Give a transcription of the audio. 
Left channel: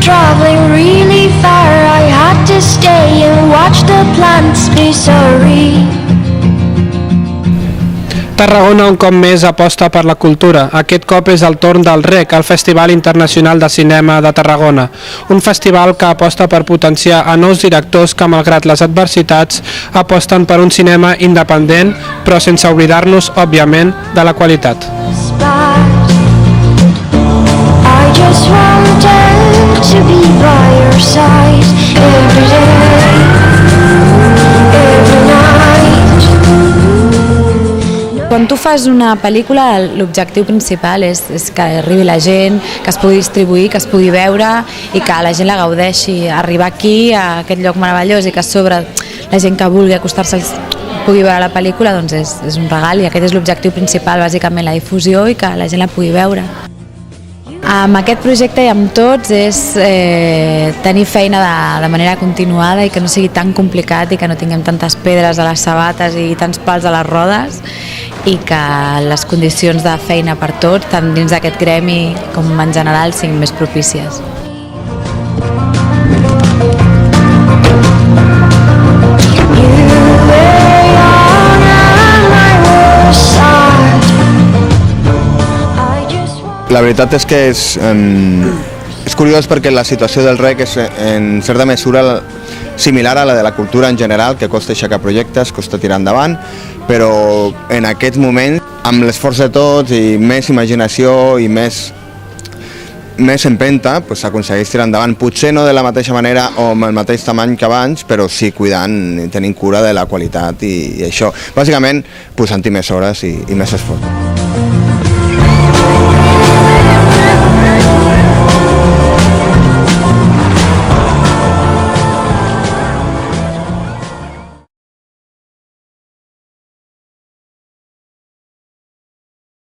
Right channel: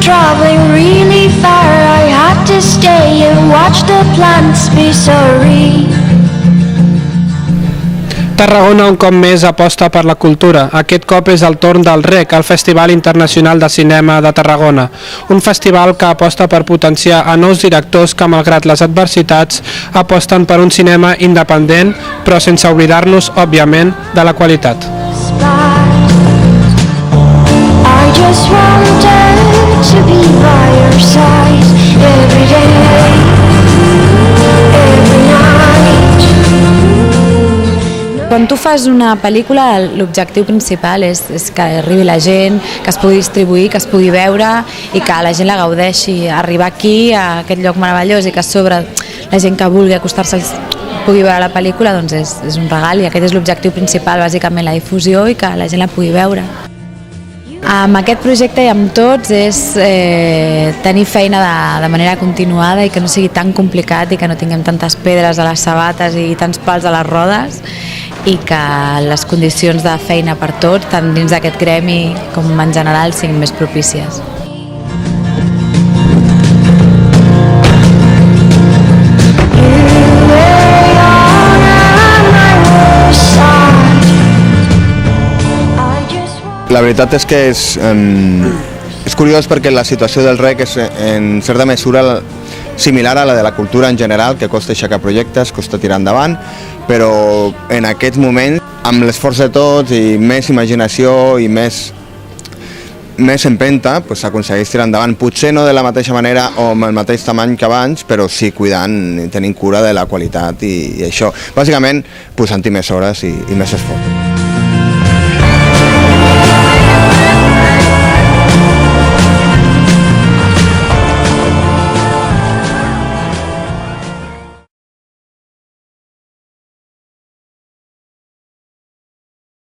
traveling really far, I had to stay and watch the plants be sorry. Tarragona un cop més aposta per la cultura. Aquest cop és el torn del REC, el Festival Internacional de Cinema de Tarragona. Un festival que aposta per potenciar a nous directors que, malgrat les adversitats, aposten per un cinema independent, però sense oblidar-nos, òbviament, de la qualitat. I just wanted to be by your side every day, every night. Quan tu fas una pel·lícula, l'objectiu principal és que arribi la gent, que es pugui distribuir, que es pugui veure i que la gent la gaudeixi. Arribar aquí, a aquest lloc meravellós, i que a sobre la gent que vulgui acostar-se pugui veure la pel·lícula, doncs és un regal, i aquest és l'objectiu principal, bàsicament la difusió i que la gent la pugui veure. Amb aquest projecte i amb tots és tenir feina de manera continuada i que no sigui tan complicat i que no tinguem tantes pedres a les sabates i tants pals a les rodes, i que les condicions de feina per tots, tant dins d'aquest gremi com en general, siguin més propícies. La veritat és que és curiós perquè la situació del REC és en certa mesura similar a la de la cultura en general, que costa aixecar projectes, costa tirar endavant, però en aquest moment, amb l'esforç de tots i més imaginació i més empenta, s'aconsegueix tirar endavant, potser no de la mateixa manera o amb el mateix tamany que abans, però sí cuidant i tenint cura de la qualitat i això. Bàsicament, posant-hi més hores i més esforç.